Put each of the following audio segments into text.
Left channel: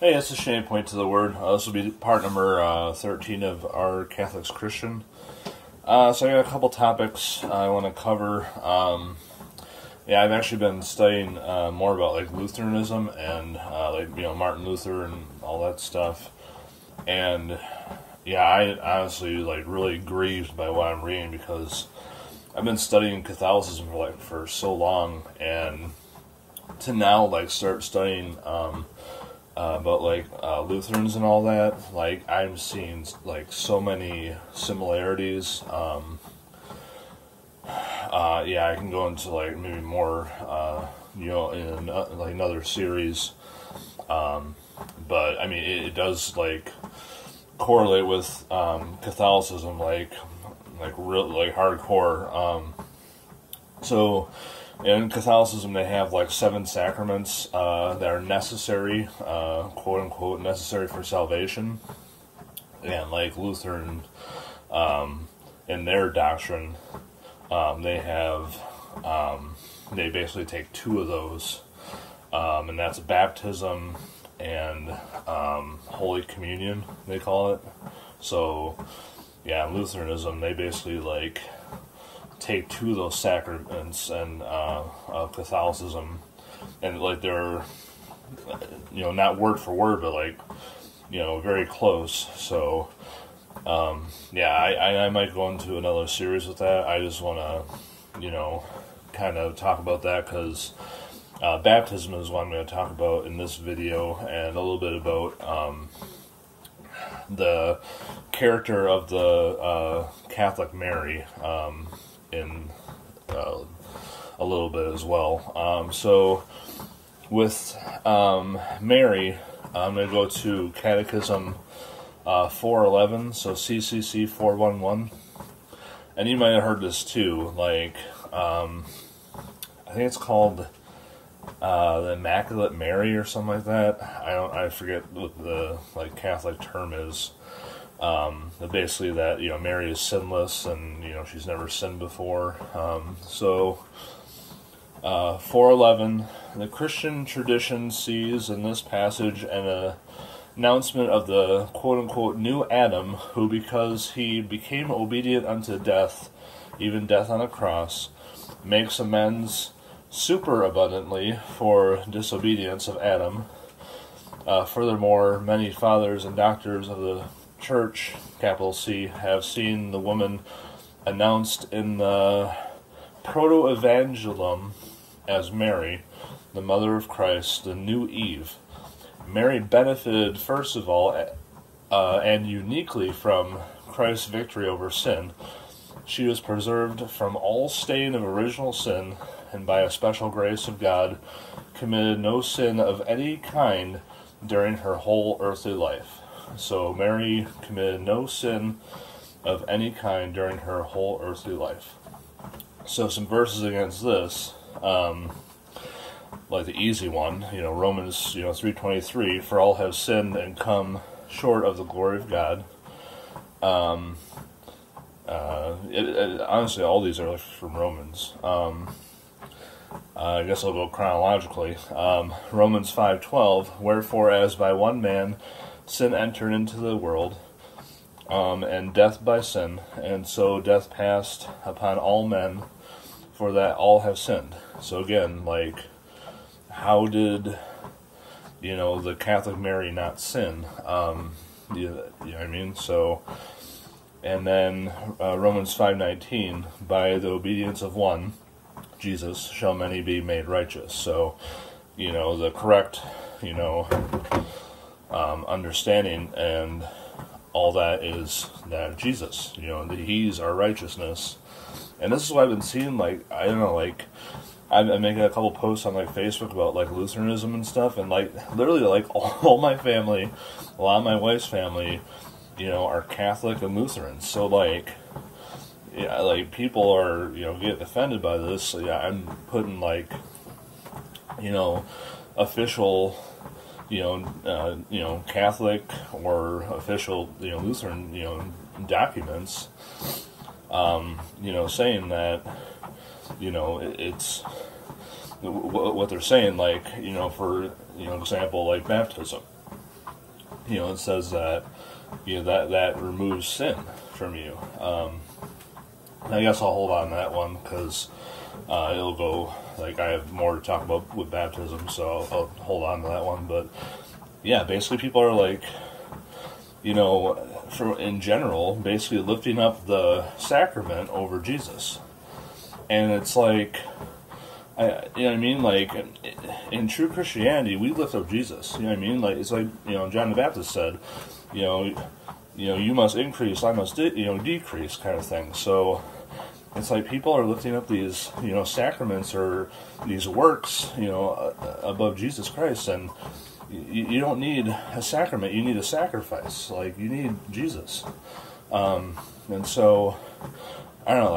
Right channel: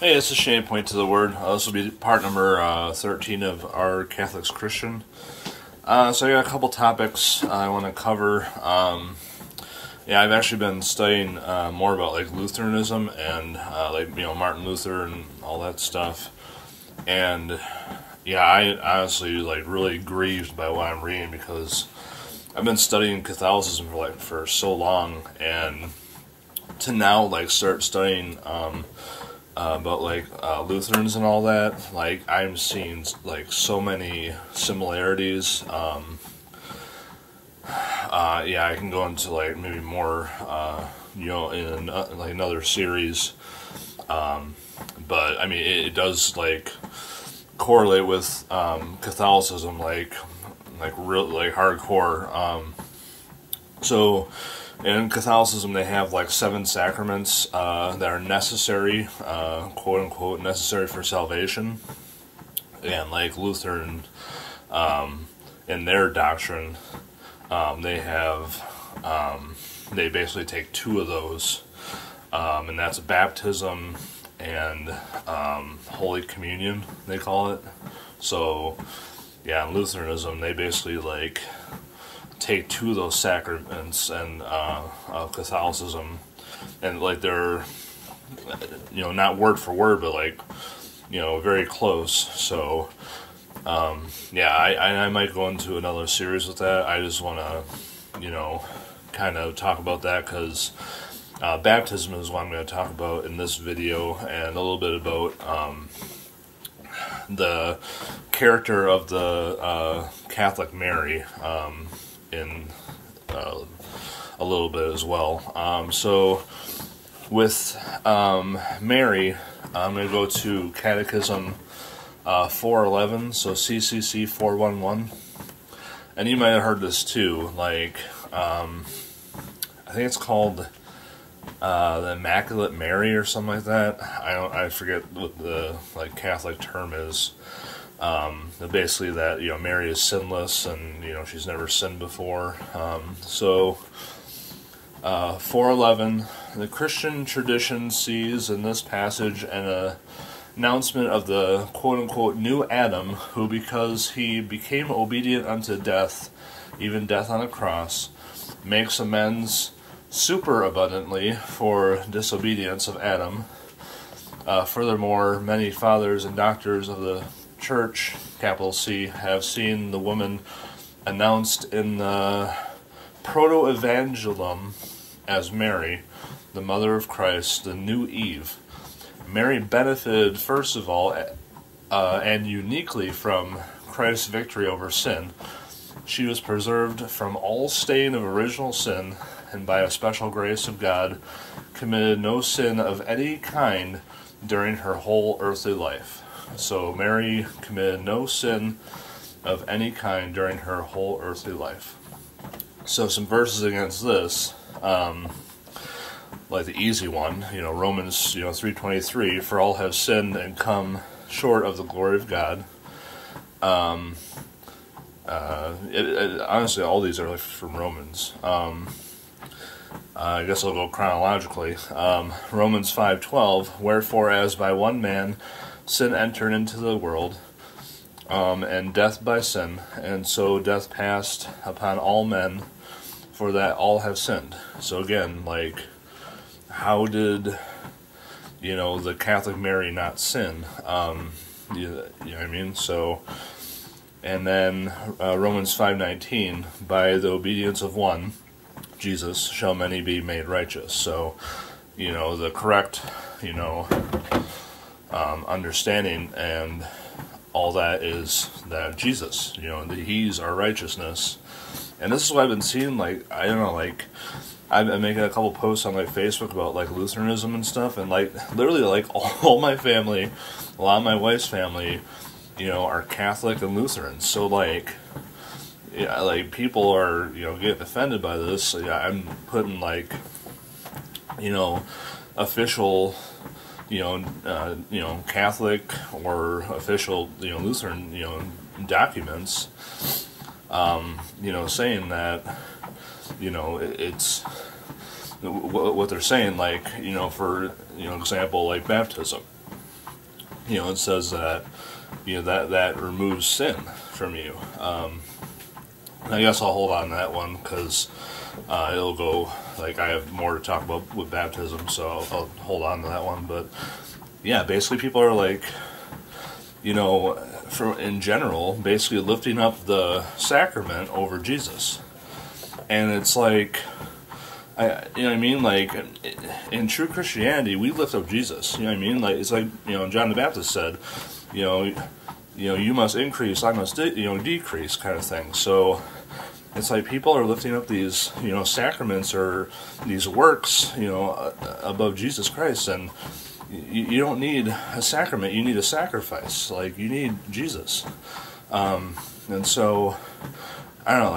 Hey, this is Shane, Point to the Word. This will be part number 13 of our Catholics Christian. So I got a couple topics I want to cover. I've actually been studying more about like Lutheranism and Martin Luther and all that stuff. And I honestly really grieved by what I'm reading because I've been studying Catholicism for so long, and to now start studying about Lutherans and all that, I'm seeing so many similarities. I can go into maybe more in another series. But I mean it does correlate with Catholicism real hardcore. So in Catholicism, they have 7 sacraments that are necessary, quote unquote, necessary for salvation. And Lutheran, in their doctrine, they have they basically take 2 of those, and that's baptism and Holy Communion, they call it. So in Lutheranism, they basically take 2 of those sacraments and of Catholicism, and they're not word for word, but very close. So I might go into another series with that. I just want to kind of talk about that because baptism is what I'm going to talk about in this video, and a little bit about the character of the Catholic Mary in a little bit as well. So with Mary, I'm going to go to Catechism 411, so CCC 411. And you might have heard this too, I think it's called the Immaculate Mary or something like that. I forget what the Catholic term is. But basically that Mary is sinless and she's never sinned before. 411, the Christian tradition sees in this passage an announcement of the quote-unquote new Adam, who because he became obedient unto death, even death on a cross, makes amends superabundantly for disobedience of Adam. Furthermore, many fathers and doctors of the Church, capital C, have seen the woman announced in the Proto-Evangelium as Mary, the mother of Christ, the new Eve. Mary benefited, first of all, and uniquely from Christ's victory over sin. She was preserved from all stain of original sin, and by a special grace of God, committed no sin of any kind during her whole earthly life. So Mary committed no sin of any kind during her whole earthly life. So some verses against this, the easy one, Romans 3:23, for all have sinned and come short of the glory of God. Honestly, all these are from Romans. I guess I'll go chronologically. Romans 5:12, wherefore as by one man sin entered into the world, and death by sin, and so death passed upon all men, for that all have sinned. So again, how did the Catholic Mary not sin? You know what I mean? So, and then Romans 5:19, by the obedience of one, Jesus, shall many be made righteous. So, the correct, understanding and all that is that Jesus, that He's our righteousness. And this is what I've been seeing, I'm making a couple posts on Facebook about Lutheranism and stuff, and literally all my family, a lot of my wife's family, are Catholic and Lutheran. So people are getting offended by this. I'm putting official Catholic or official Lutheran documents, saying that it's what they're saying, for example, baptism. it says that, that removes sin from you. I guess I'll hold on to that one because it'll go, like, I have more to talk about with baptism, so I'll hold on to that one. But yeah, basically people are like, in general, basically lifting up the sacrament over Jesus. And it's like, you know what I mean? Like, in true Christianity, we lift up Jesus. You know what I mean? Like, it's like, John the Baptist said, you must increase, I must, decrease, kind of thing. So it's like people are lifting up these, sacraments or these works, above Jesus Christ, and you don't need a sacrament, you need a sacrifice. Like, you need Jesus. And so, I don't know,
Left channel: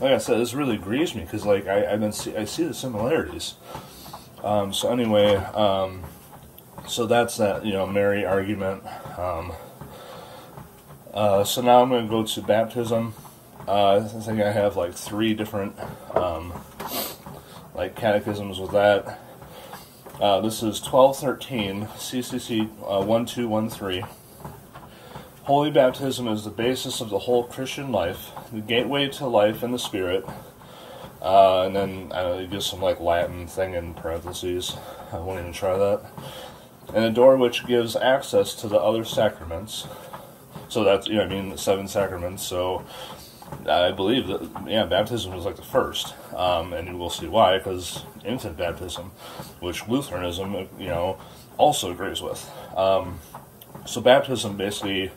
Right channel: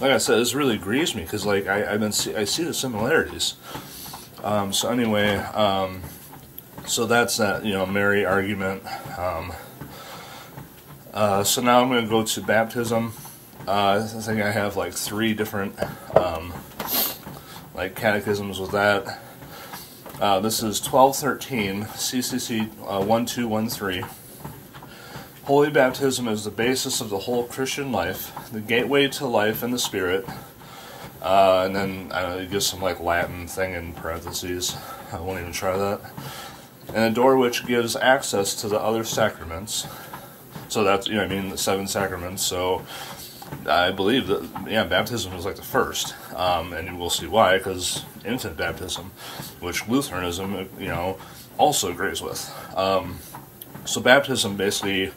like I said, this really grieves me, because, like, I see the similarities. So anyway, so that's that, Mary argument. So now I'm going to go to baptism. I think I have, like, 3 different, like, catechisms with that. This is 1213, CCC 1213. Holy baptism is the basis of the whole Christian life, the gateway to life in the Spirit. And then it gives some, like, Latin thing in parentheses. I won't even try that. And a door which gives access to the other sacraments. So that's, the 7 sacraments. So I believe that, baptism is like the first. And we'll see why, because infant baptism, which Lutheranism, also agrees with. So baptism, basically,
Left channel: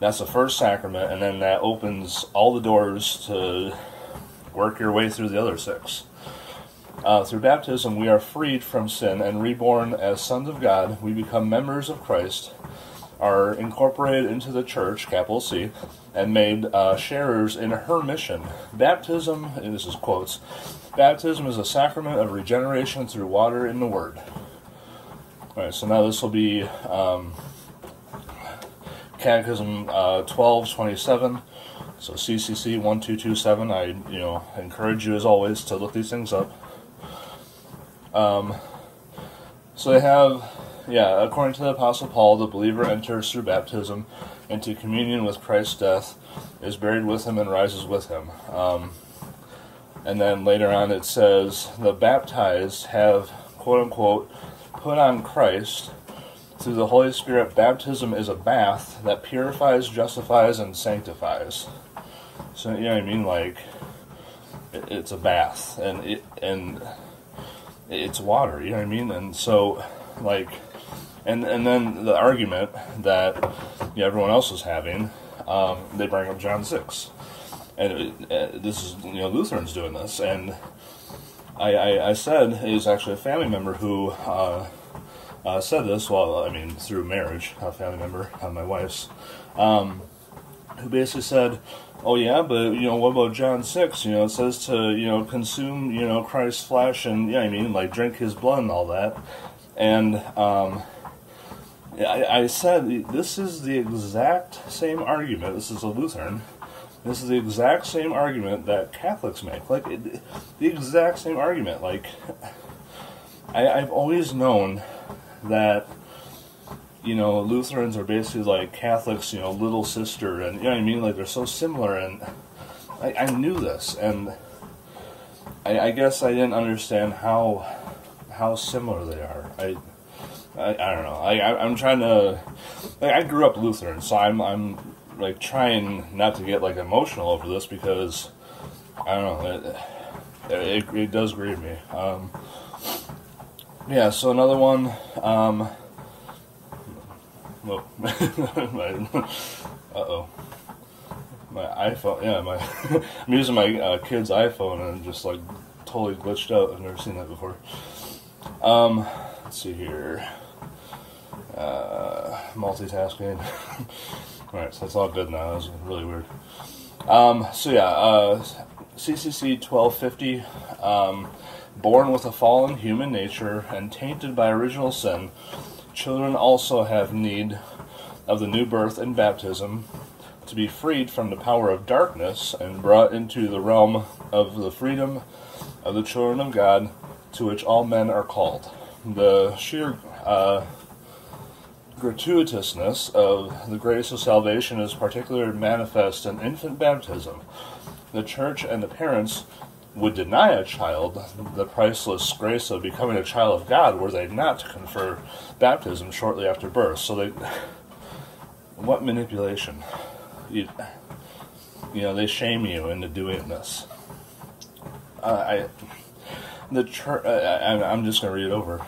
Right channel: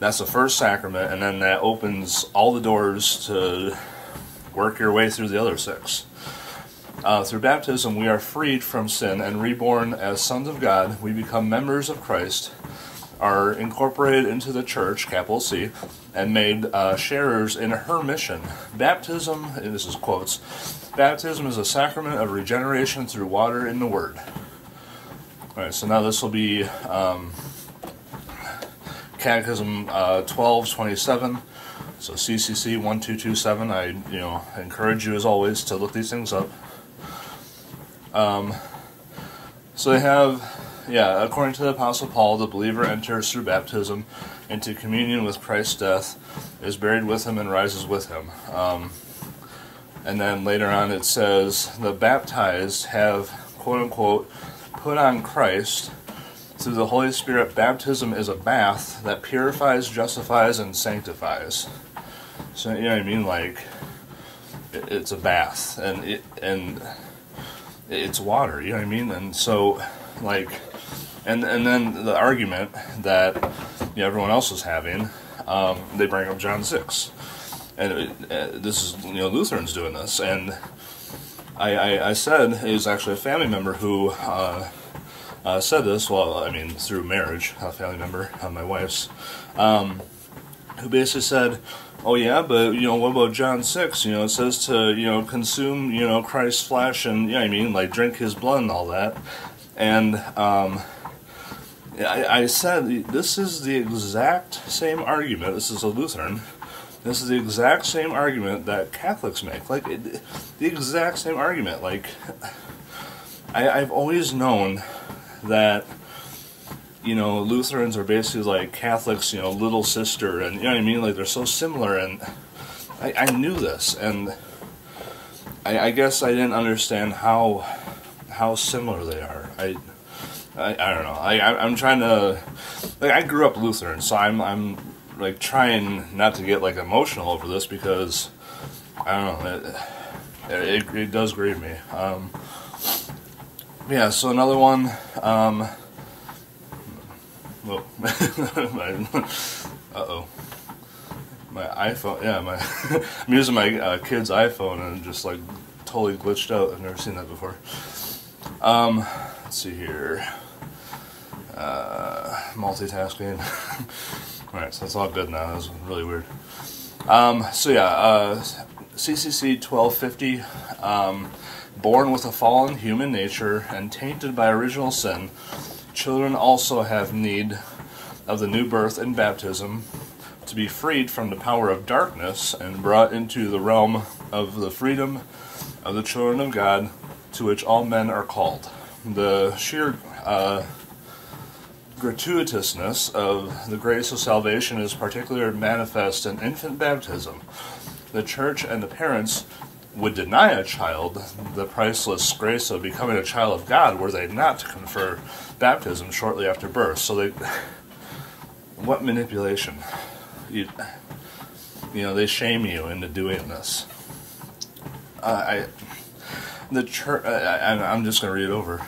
that's the first sacrament, and then that opens all the doors to work your way through the other 6. Through baptism, we are freed from sin and reborn as sons of God. We become members of Christ, are incorporated into the church, capital C, and made sharers in her mission. Baptism, and this is quotes, baptism is a sacrament of regeneration through water in the Word. Alright, so now this will be Catechism 1227, so CCC 1227. I encourage you, as always, to look these things up. So they have, according to the Apostle Paul, the believer enters through baptism into communion with Christ's death, is buried with him, and rises with him. And then later on it says, the baptized have, quote-unquote, put on Christ. Through the Holy Spirit, baptism is a bath that purifies, justifies, and sanctifies. So, you know what I mean? Like, it's a bath, and it's water, you know what I mean? And so, like, and then the argument that everyone else is having, they bring up John 6. And this is, Lutherans doing this. And I said, it was actually a family member who said this, through marriage, a family member, my wife's, who basically said, oh yeah, but, what about John 6? It says to, consume, Christ's flesh and, like, drink his blood and all that. And I said, this is the exact same argument. This is a Lutheran. This is the exact same argument that Catholics make. Like, the exact same argument. Like, I've always known that, Lutherans are basically like Catholics, little sister, and, like, they're so similar, and I knew this, and I guess I didn't understand how similar they are. I don't know. I'm trying to, like, I grew up Lutheran, so I'm like, trying not to get, like, emotional over this, because, I don't know, it does grieve me. Yeah, so another one, whoa, uh-oh, my iPhone, I'm using my kid's iPhone, and just, like, totally glitched out. I've never seen that before. Let's see here, multitasking. Alright, so that's all good now. That was really weird. CCC 1250, born with a fallen human nature and tainted by original sin, children also have need of the new birth and baptism to be freed from the power of darkness and brought into the realm of the freedom of the children of God, to which all men are called. The sheer gratuitousness of the grace of salvation is particularly manifest in infant baptism. The church and the parents would deny a child the priceless grace of becoming a child of God were they not to confer baptism shortly after birth. So what manipulation? They shame you into doing this. The church. I'm just going to read it over.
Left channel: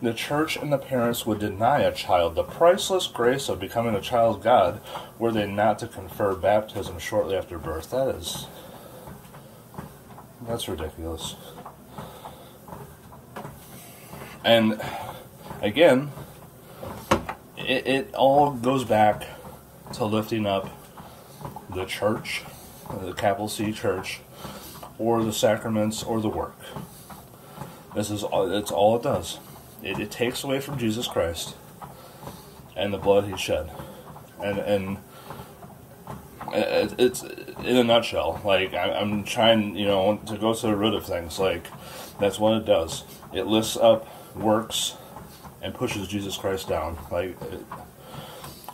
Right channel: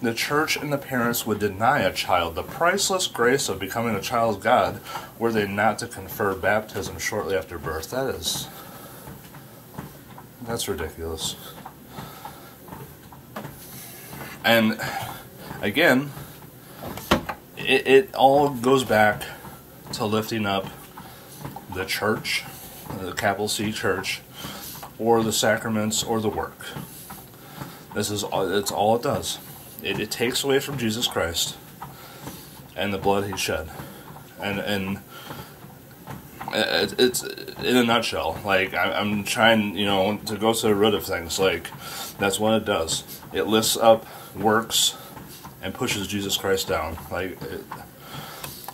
The church and the parents would deny a child the priceless grace of becoming a child of God were they not to confer baptism shortly after birth. That's ridiculous. And again, it all goes back to lifting up the church, the capital C church, or the sacraments, or the work. It's all it does. It takes away from Jesus Christ and the blood he shed. And it's in a nutshell. Like, I'm trying, to go to the root of things. Like, that's what it does. It lifts up works and pushes Jesus Christ down.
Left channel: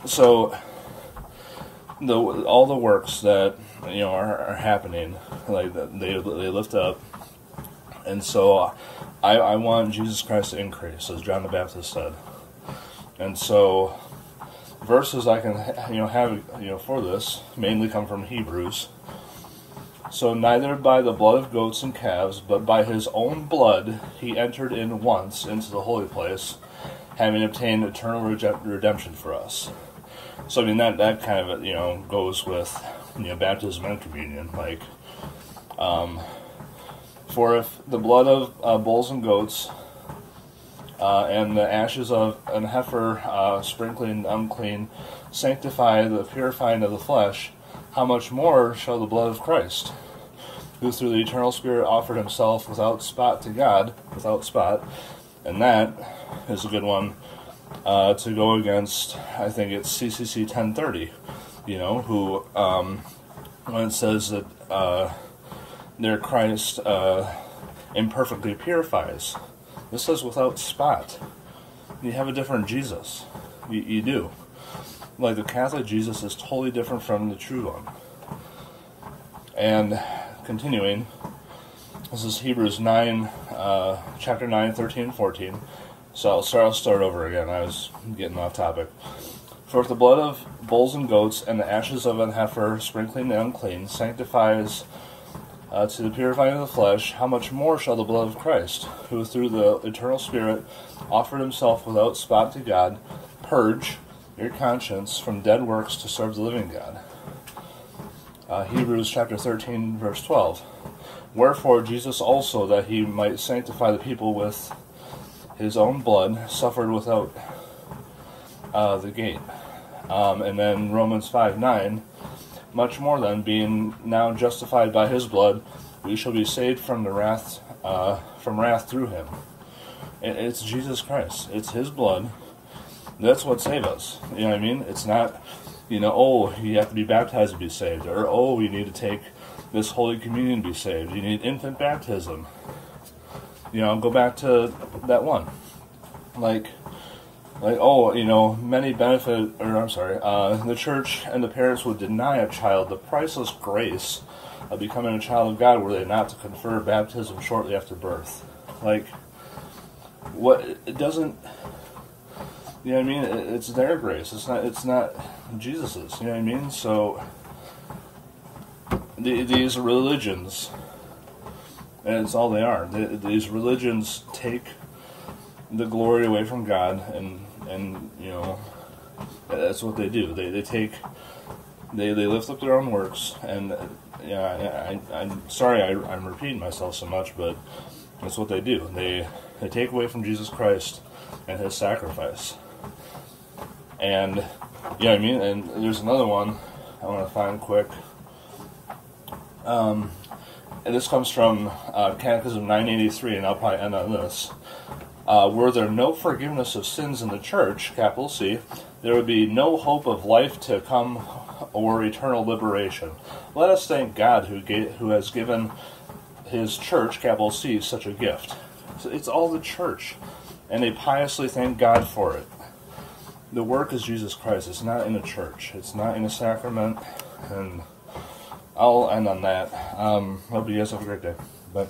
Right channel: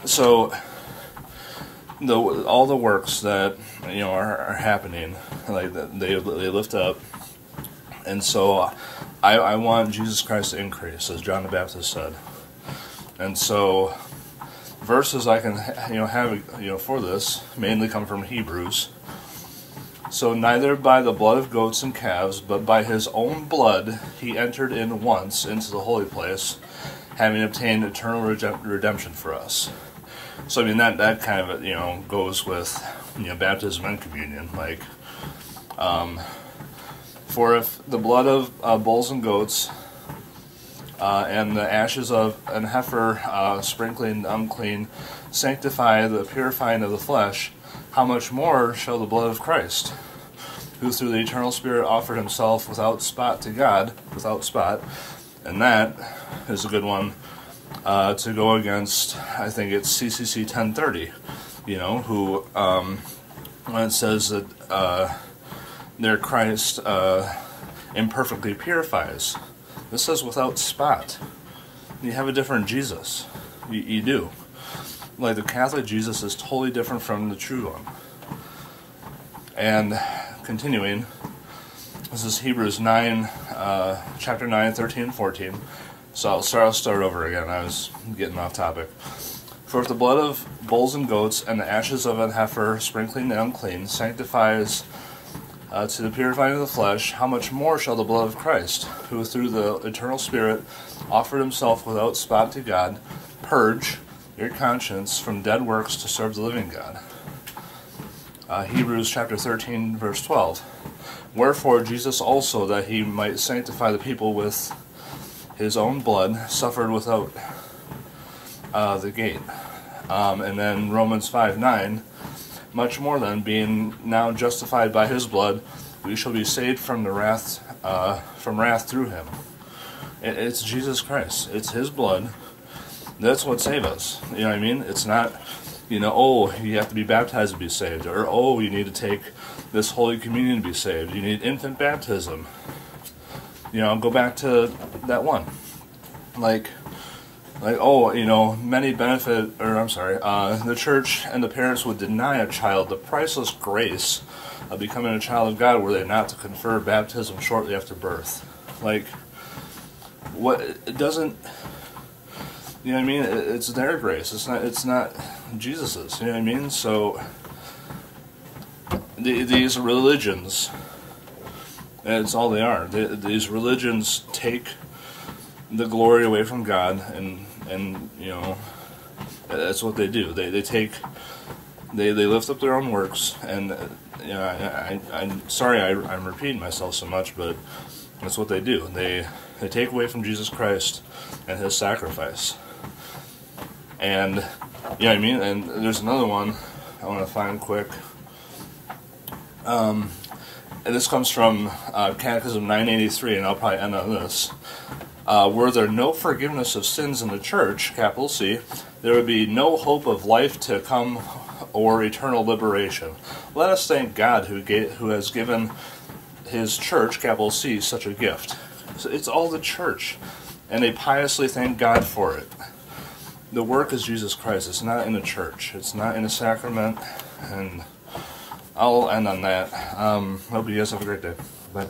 So all the works that are happening, like they lift up, and so I want Jesus Christ to increase, as John the Baptist said. And so verses I can have for this mainly come from Hebrews. So neither by the blood of goats and calves, but by his own blood he entered in once into the holy place, having obtained eternal redemption for us. So that kind of goes with baptism and communion. For if the blood of bulls and goats and the ashes of an heifer sprinkling unclean sanctify the purifying of the flesh, how much more shall the blood of Christ, who through the eternal Spirit offered himself without spot to God, without spot, and that is a good one to go against, I think it's CCC 1030, who, when it says that their Christ imperfectly purifies, this says without spot. You have a different Jesus. You do. Like, the Catholic Jesus is totally different from the true one. And continuing, this is Hebrews 9, chapter 9, 13, and 14. So I'll start over again. I was getting off topic. For if the blood of bulls and goats and the ashes of an heifer sprinkling and unclean sanctifies to the purifying of the flesh, how much more shall the blood of Christ, who through the eternal Spirit offered himself without spot to God, purge your conscience from dead works to serve the living God. Hebrews chapter 13, verse 12. Wherefore Jesus also, that he might sanctify the people with his own blood, suffered without the gate. And then Romans 5:9, much more then, being now justified by his blood, we shall be saved from the wrath through him. It's Jesus Christ. It's his blood. That's what saves us. You know what I mean? It's not, you have to be baptized to be saved, or you need to take this Holy Communion to be saved. You need infant baptism. Go back to that one. Many benefit, the church and the parents would deny a child the priceless grace of becoming a child of God were they not to confer baptism shortly after birth. It doesn't, it's their grace. It's not Jesus's, So, these religions, and it's all they are, these religions take the glory away from God, and that's what they do. They lift up their own works, and I'm sorry I'm repeating myself so much, but that's what they do. They take away from Jesus Christ and his sacrifice. And and there's another one I want to find quick. And this comes from Catechism 983, and I'll probably end on this. Were there no forgiveness of sins in the church, capital C, there would be no hope of life to come or eternal liberation. Let us thank God who has given his church, capital C, such a gift. So it's all the church, and they piously thank God for it. the work is Jesus Christ. It's not in a church. It's not in a sacrament. And I'll end on that. Hope you guys have a great day. Bye.